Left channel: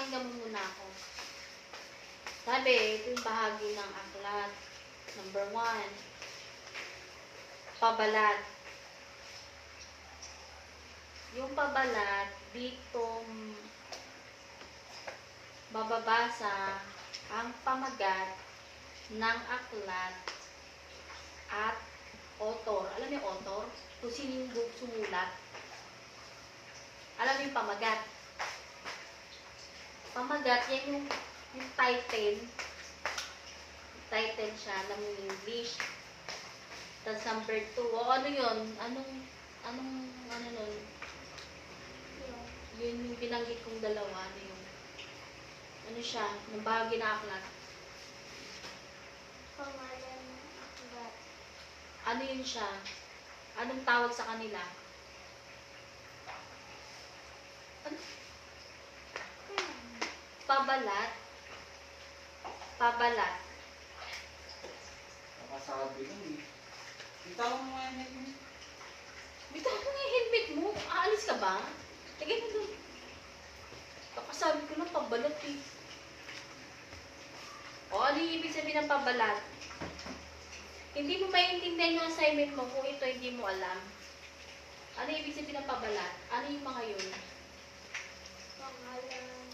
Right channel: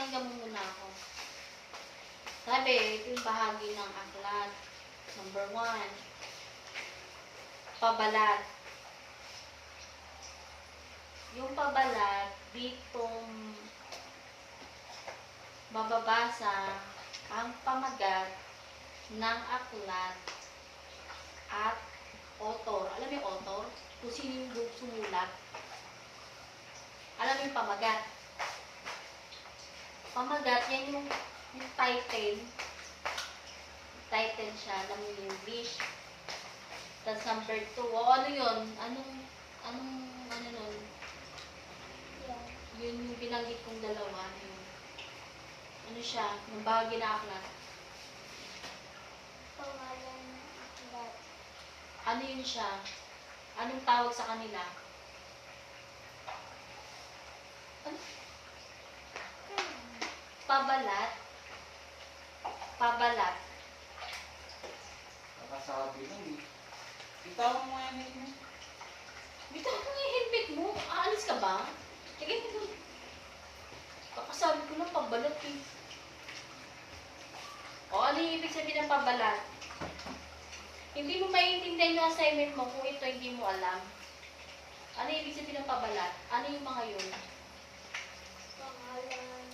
pakinggan mo muna ako. Sabi, ito yung bahagi ng aklat. Number 1, pabalat. Yung pabalat, dito mababasa ang pamagat ng aklat at author. Alam mo yung author? Kung sino yung sumulat. Alam mo yung pamagat. Pamagat, yan yung title. Title siya ng English. Tapos number 2. O ano yun? Anong ano nun? Yun yung binanggit kong dalawa. Ano siya? Nung bahagi na aklat. Pangalan ng aklat. Ano yun siya? Anong tawag sa kanila? Ano? Pabalat. Pabalat. Nakasabi nun eh. Bitawan mo nga yun. Bitaw mo yung helmet mo. Aalis ka ba? Tignan mo doon. Kakasabi ko lang pabalat eh. O, ano yung ibig sabihin ng pabalat? Hindi mo maiintindihan yung assignment mo kung ito hindi mo alam. Ano yung ibig sabihin ng pabalat? Ano yung mga yun? Pangalan.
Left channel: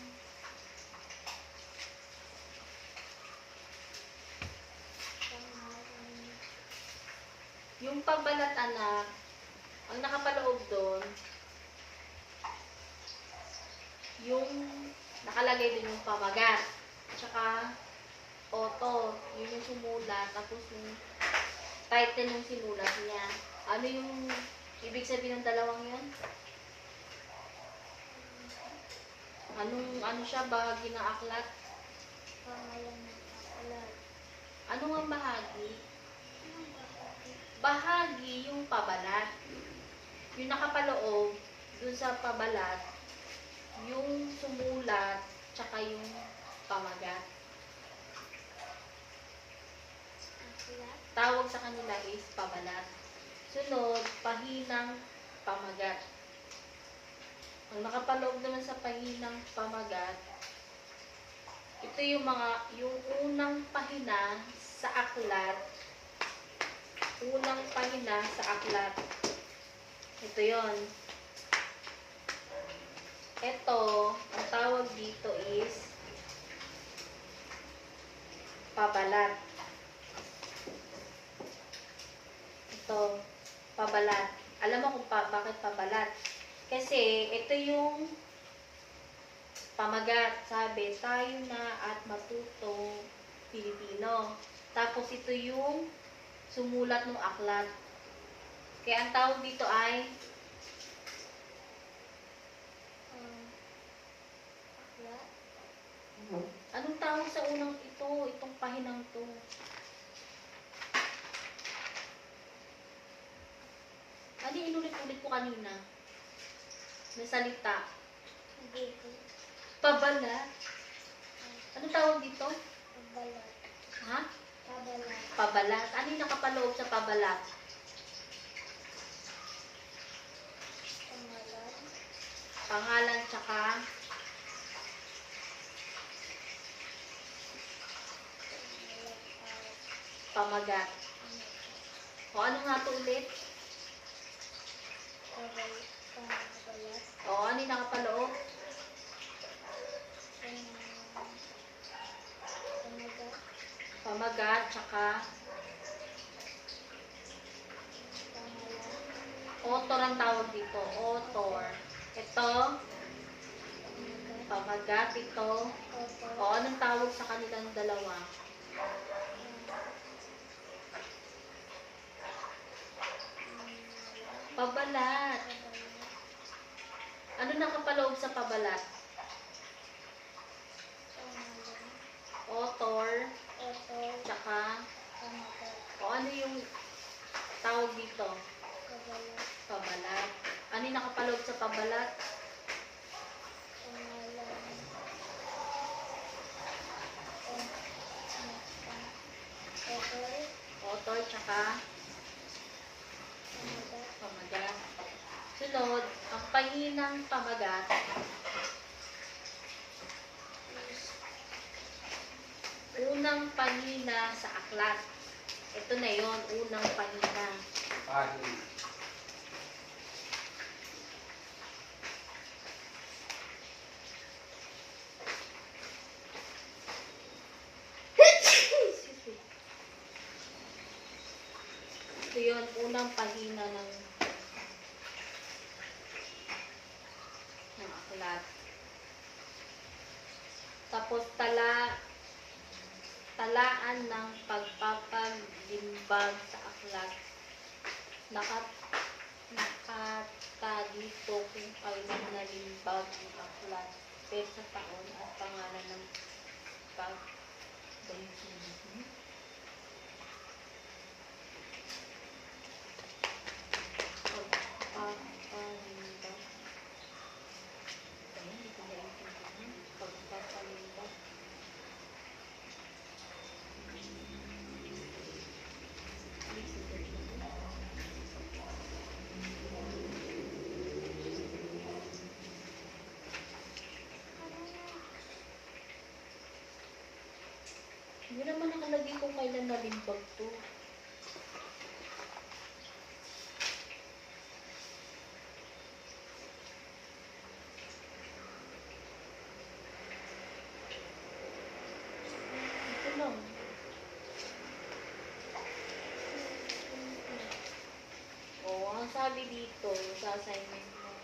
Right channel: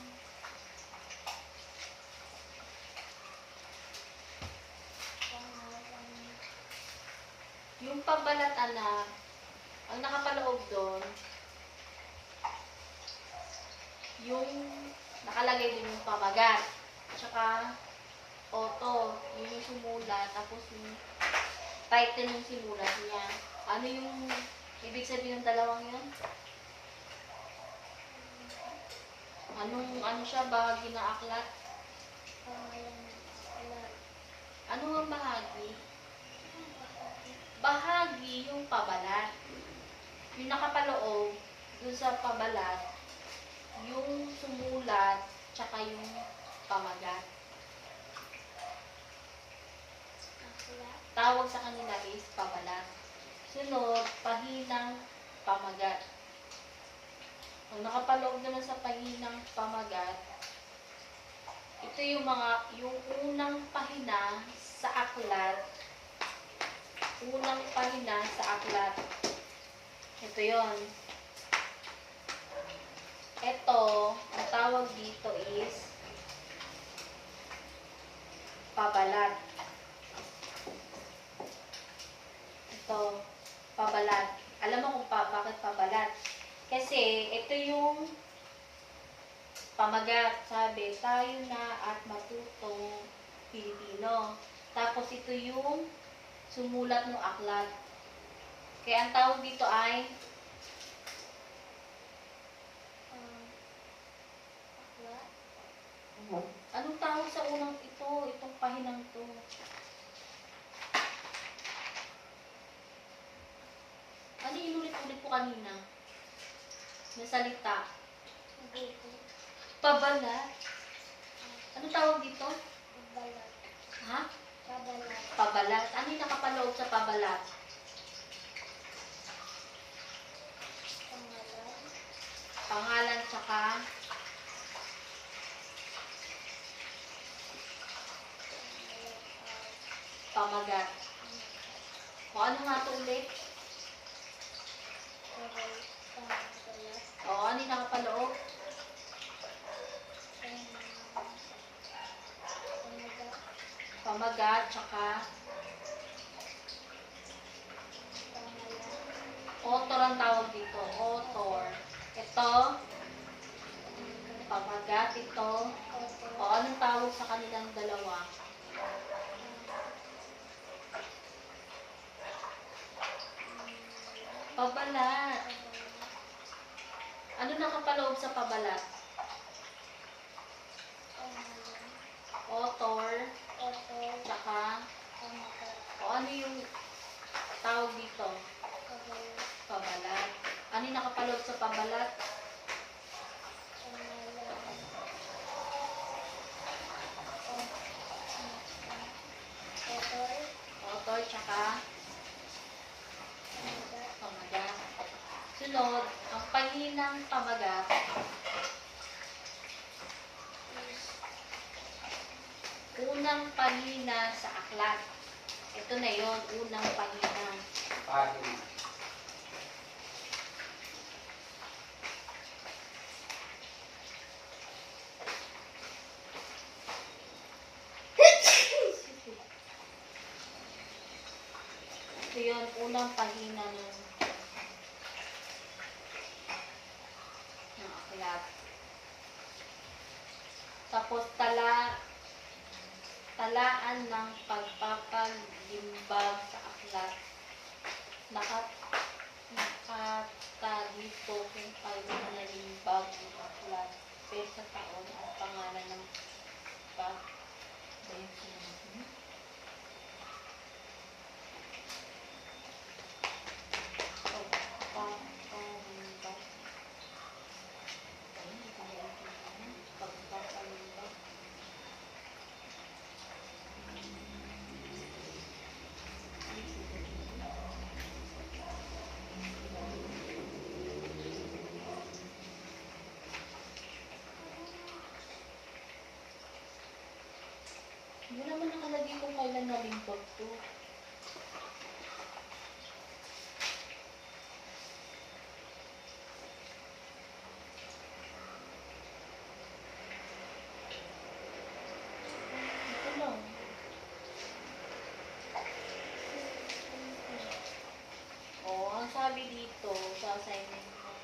Yung pabalat, anak, ang nakapaloob doon, yung nakalagay din yung pamagat. Tsaka, author, yun yung sumulat, tapos yung title yung sinulat niya. Ano yung ibig sabihin ng dalawang yun? Ano siya, bahagi ng aklat? Pangalan ng aklat. Ano ang bahagi? Bahagi yung pabalat. Yung nakapaloob, dun sa pabalat, yung sumulat, tsaka yung pamagat. Aklat. Tawag sa kanila is pabalat. Sunod, pahinang pamagat. Ang nakapaloob doon sa pahinang pamagat, ito yung unang pahina sa aklat. Unang pahina sa aklat. Ito yon. Ito, ang tawag dito is pabalat. Ito, pabalat. Alam mo kung bakit pabalat? Kasi ito yung pamagat. Sabi, tayo na at matutong Pilipino. Tapos ito yung sumulat ng aklat. Kaya ang tawag dito ay Aklat. anong tawag sa unang ito? Itong pahinang to. Ano yung inulit-ulit ko kanina? Na salita. Buko. Pabalat. Anong tawag dito? Pabalat. Ha? Pabalat. Pabalat. Ano yung nakapaloob sa pabalat? Pangalan. Pangalan tsaka pamagat. O ano nga ito ulit? Pabalat. O ano yung nakapaloob? Pamagat. Pamagat tsaka Pangalan. author ang tawag dito. Author. Ito, pamagat ito. Opo. O anong tawag sa kanilang dalawa? Pabalat. Ano nakapaloob sa pabalat? Author, Opo. tsaka, Pamagat. o ano yung tawag dito? Pabalat. Pabalat. Ano yung nakapaloob sa pabalat? Pangalan. Author. Author, tsaka Pamagat. pamagat. Sunod, ang pahinang pamagat. unang pahina sa aklat. Ito na yon, unang pahina. Pahina. Ito yun, unang pahina ng aklat. Tapos talaan ng pagpapalimbag sa aklat. Nakatagito kung kailan nalimbag ang aklat, pesa taon at pangalan ng pag pagpapalimbag. Ay, hindi ko naiintindihan. Pagpapalimbag. Hindi naman nakalagay kung kailan nalimbag to. Ito lang. Ang sabi dito sa assignment mo,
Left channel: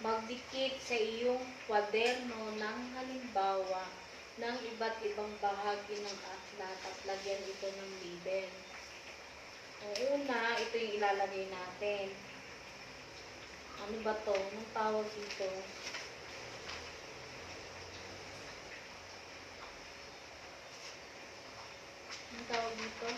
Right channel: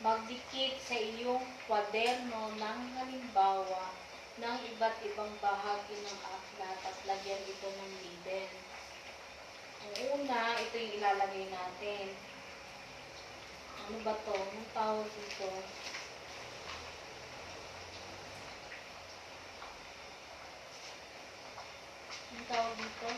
magdikit sa iyong kwaderno ng halimbawa ng iba't ibang bahagi ng aklat at lagyan ito ng label. Ang una, ito yung ilalagay natin. Ano ba to? Anong tawag dito? Anong tawag dito?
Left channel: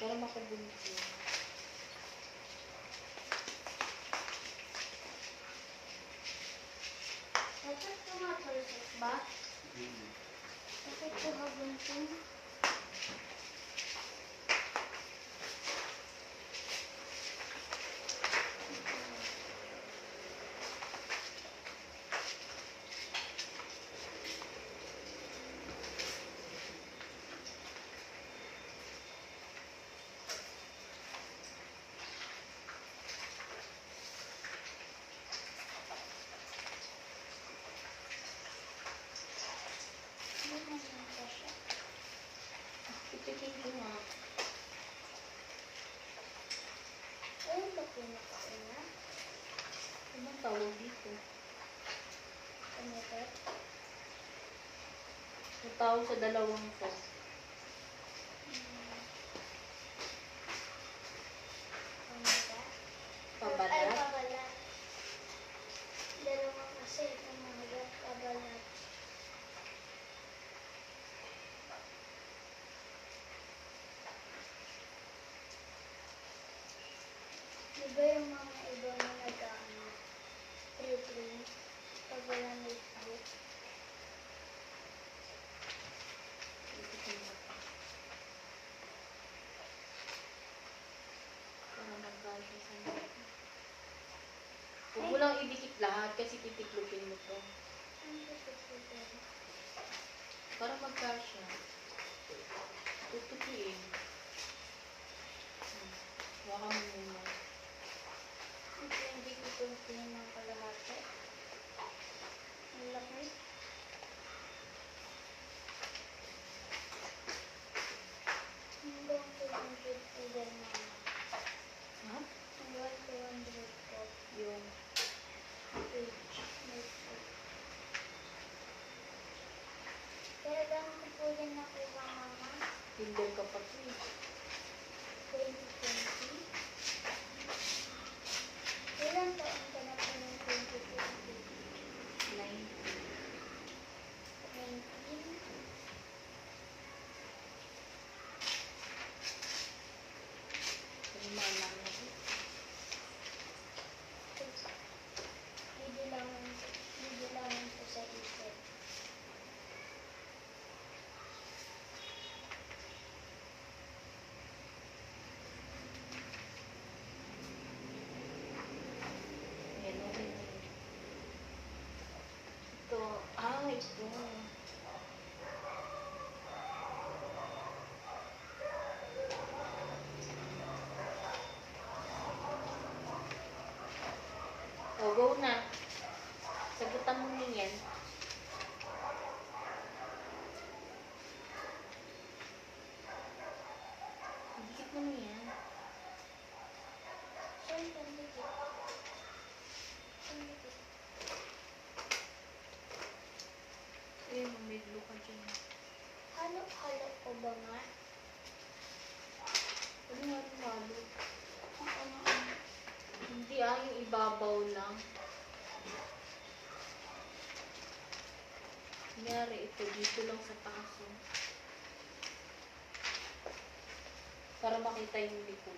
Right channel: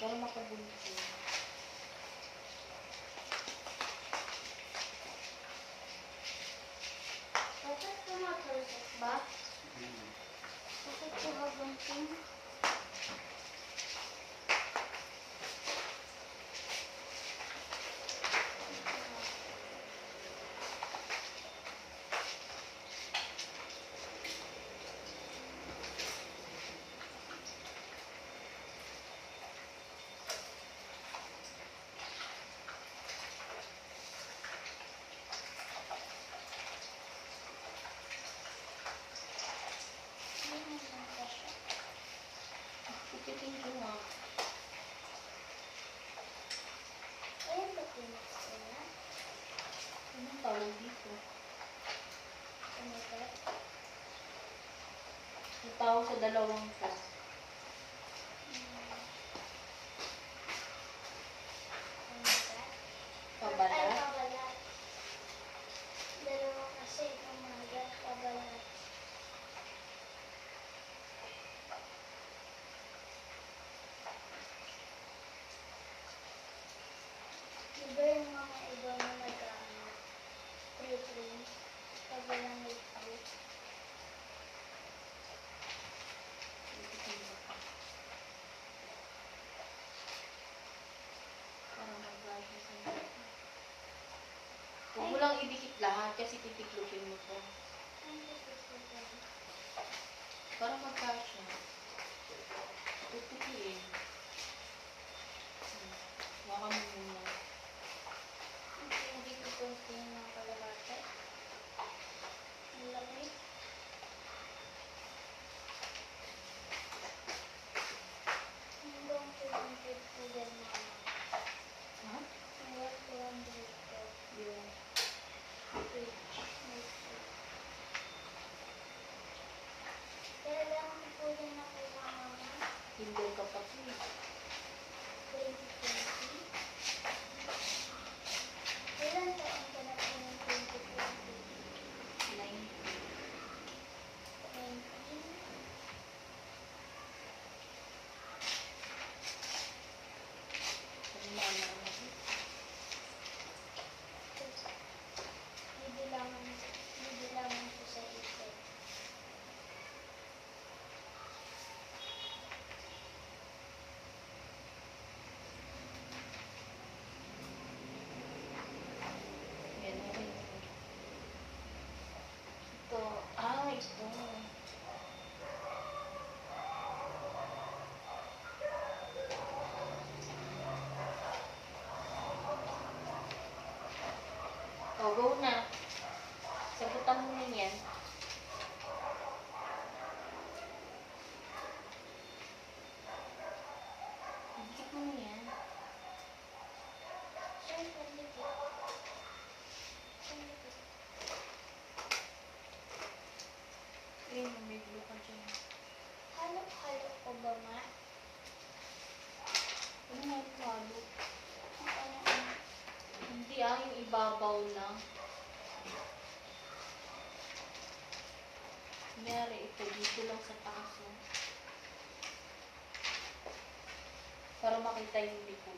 Para makabunti. Dapat tumatulog ba? Bakit ko habantin? Ipitin ko nga. Ayun ba pinakauna? Anong tawag dito? Tumikat? Ang tawag sa dalawang to. Tumikat? Ay, Pabalat. pabalat. Dalawa kasi, tumagat, pabalat. Diba yung mga iba na nag-ano, pre-print, pabalang notebook? Ipitin mo pa. Para magkasya sa mga. Huwag mo lang idikit lahat kasi titiklopin mo to. Ano gusto ko dyan? Para magkasya. Tutupiin. Baka mo muna. Hindi ko itong ng kalahati. Ang laki. Hanggang 200 po dyan, mama. Ha? Hanggang 200 po. Yung Page. Notebook. Kailan ko po yan nakuha, mama? kinder ka pa to eh. 2020? Kailan taon ka na po ng 2020? 9. 19? Kung maalala mo. Bibilangan ko sa isip. Go na. Sagutan mo niyan. Dikit mo na yan. Saan pandikit? Pandikit. Ayun, may blue ka dyan. Halo-halo ko ba nga? Ano nga yung halo? Ano? Hindi yung ibabaw lang. Kunyari, ito dito lang sa taas. Oh. Para makita yung likod.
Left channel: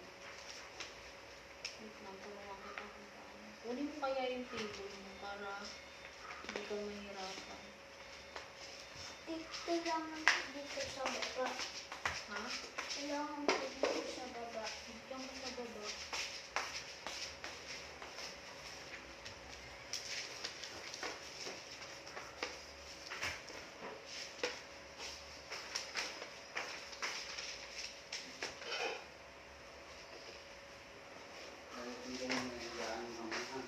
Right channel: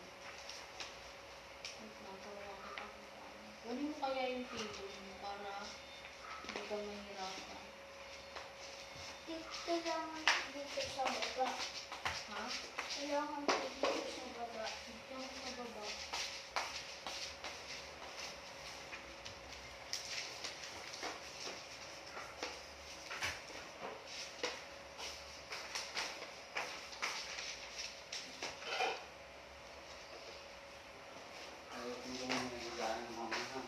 Wait lang, para makita kung paano. Kunin mo kaya yung table mo para hindi ka mahirapan. Dito lang dito sa baba. Ha? Kailangan ko dito sa baba. Diyan ka sa baba. Hindi mo nailaan mo ha.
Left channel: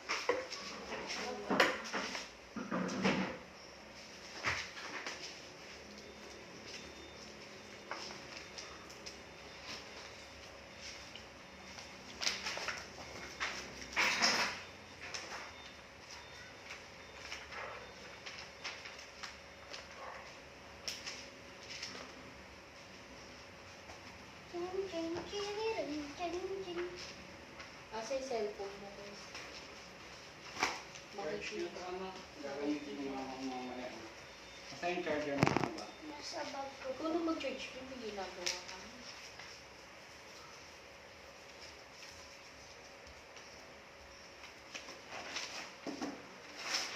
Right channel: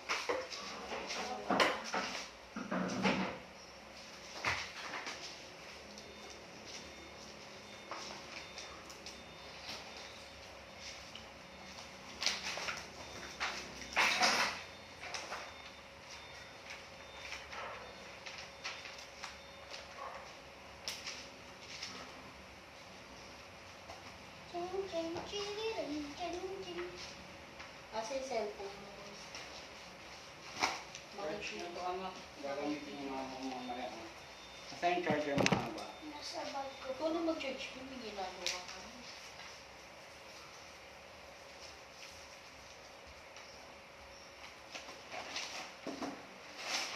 Chin, chin, chiririn, chin, chin. Kasi cellphone mo. Charge na Makikita. ito anak. Gagamitin mo mga mamaya. Asa yung charger mo na ba? Nasa bag ko. Ikaw na mag-charge. Yung may ginagawa ka.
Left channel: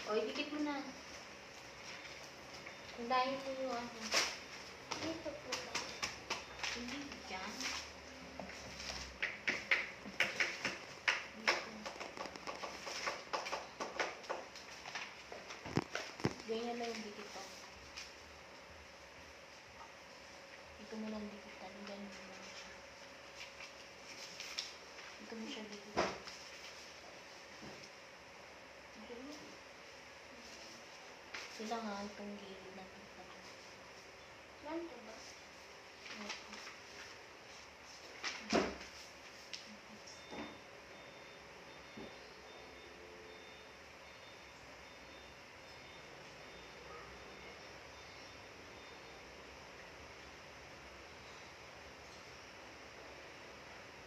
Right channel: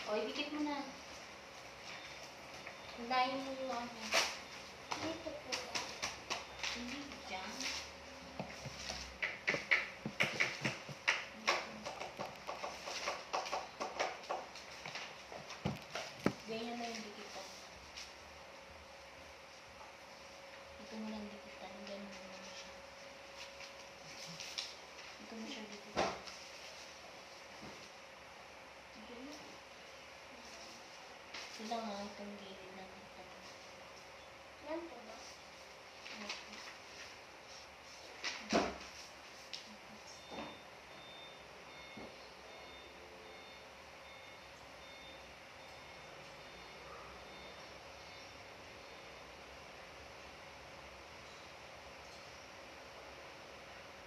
O, idikit mo na. Hindahin mo yung ano. Dito po ba? Hindi dyan. Ganyan na yung dikitan. Ito mo lang dikitan. Ganyan mo lang siya. Ito mo siya dikitan. Okay. Sila nga itong gilid na dikitan. Yan po ba? Okay.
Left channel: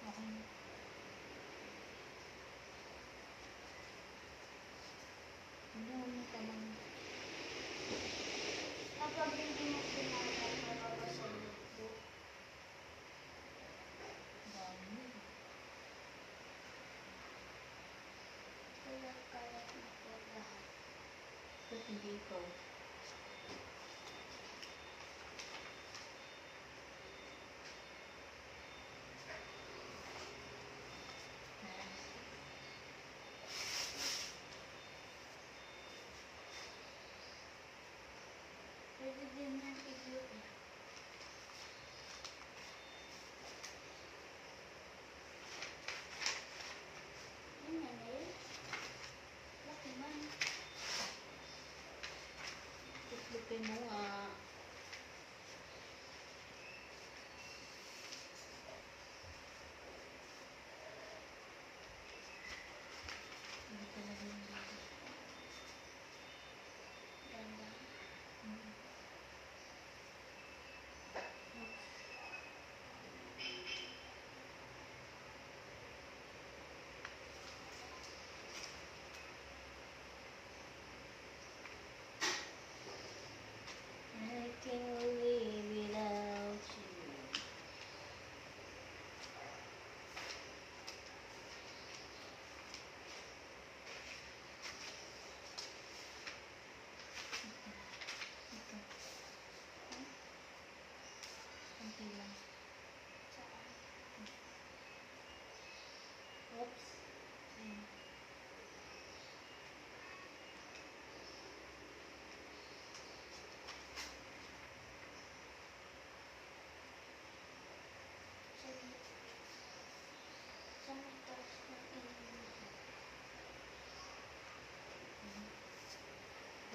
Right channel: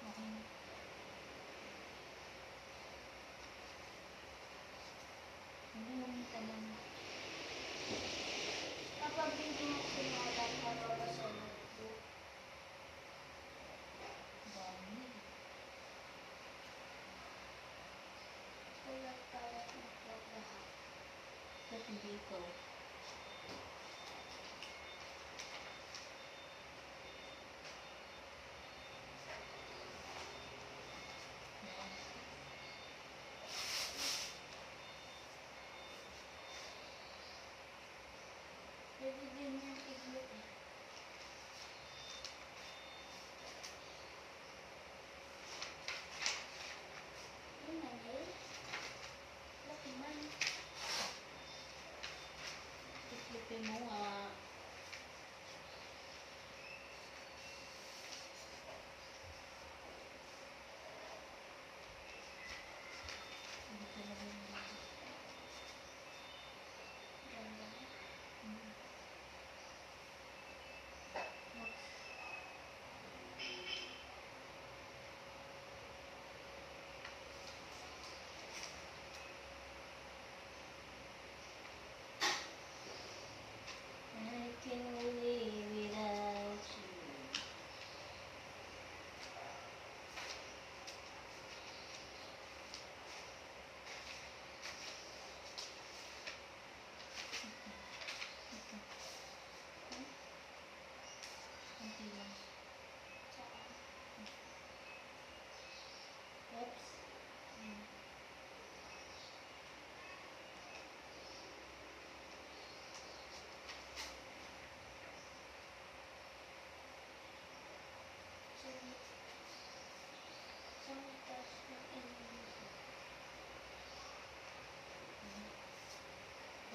Okay. Hindi mo naman. Kapag hindi mo sinalan, mababasa mo po. Dami. Kalat-kalat na po lahat. Ba't hindi ko? Pwede din yan tiglo eh. Yun na eh. Laki man.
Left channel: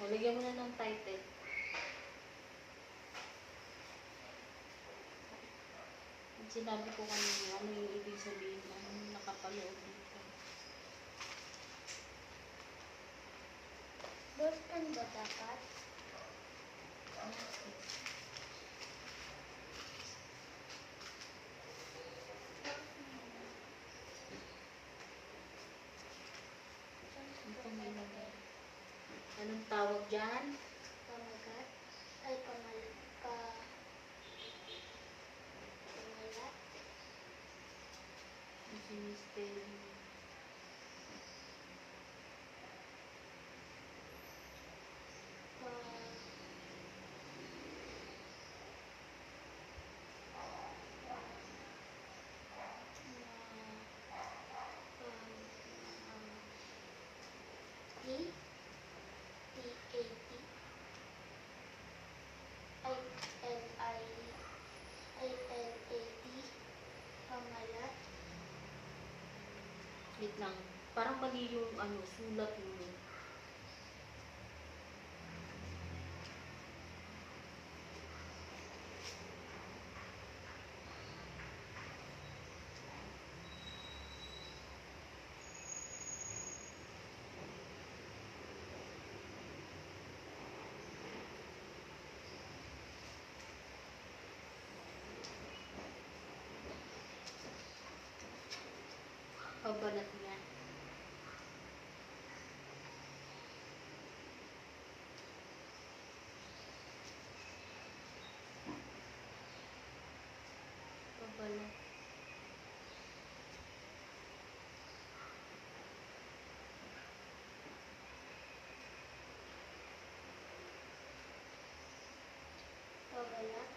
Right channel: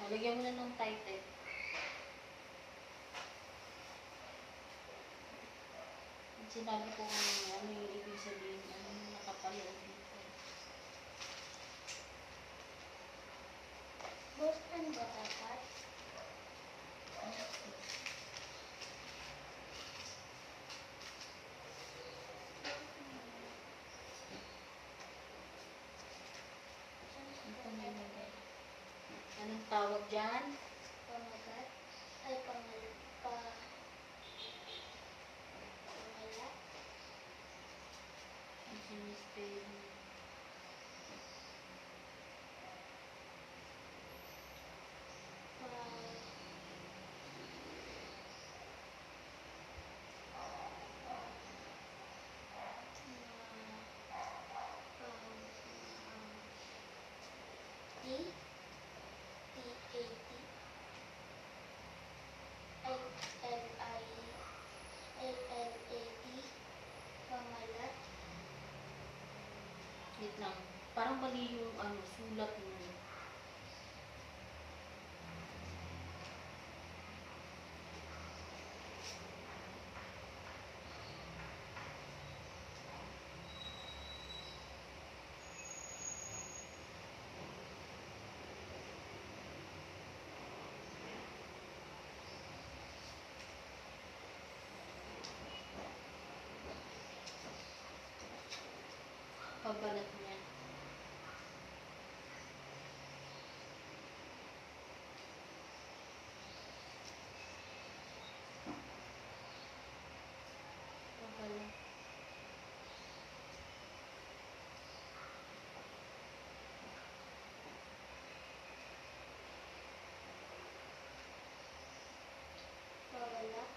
O, lagyan mo na ng title. Sinabi ko kanina, ano yung ibig sabihin, ano yung nakapaloob dito. Boston ba dapat? Ito may nilagay. Anong tawag dyan? Pamagat? Ay, pangalat. Mystery. Pangalat. Wait lang. Parang mali yung ano, sulat mo. Pagbalat niya. Pagbalat. Pangalat.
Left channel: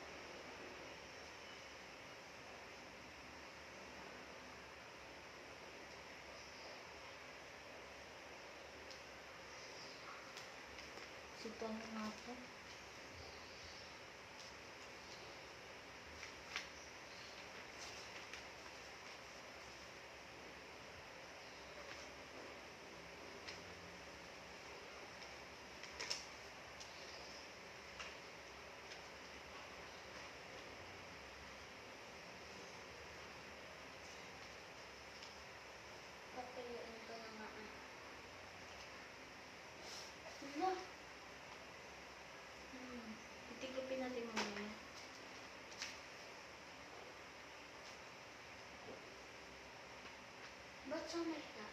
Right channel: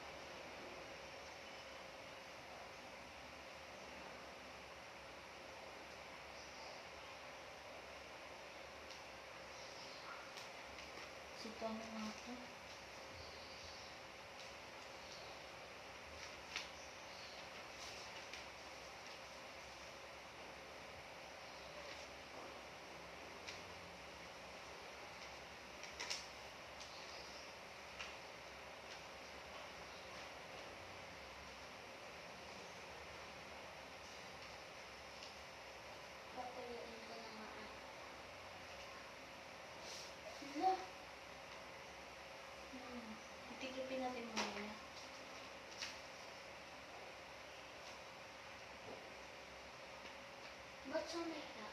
Sito ano nga ito? Papayuin ko na nga. Hala. Titigupin natin muna. Ba't sa may